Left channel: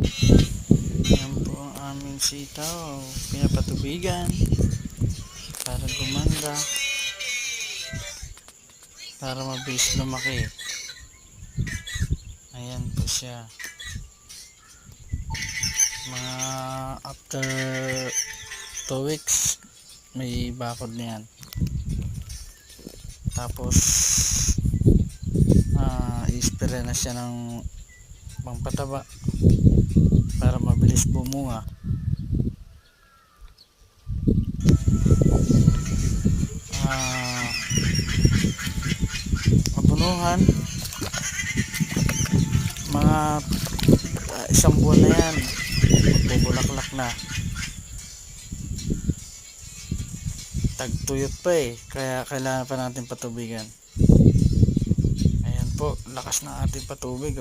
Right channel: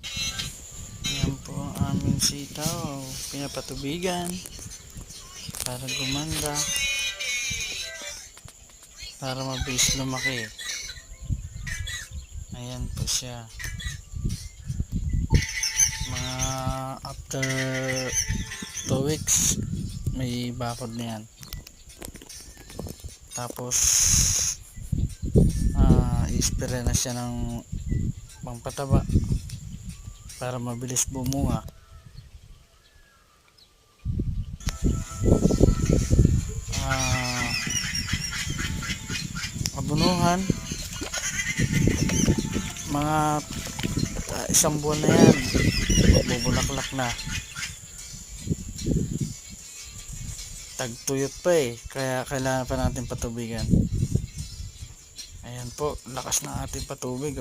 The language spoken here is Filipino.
Yan po ang aming sitaw. Pinapatubigan para gumanda, para mabilis lumaki. Ayan po siya. Mga after 2 weeks may bakod na yan. Tapos i-spray na siya ng pangpataba para mabilis bumunga. Abunuhan mga isang buwan na yan, magbubulaklak na. Tagtuyot pa kaya kailangan pa natin patubigan. Ayan po, lakas ng ating patubig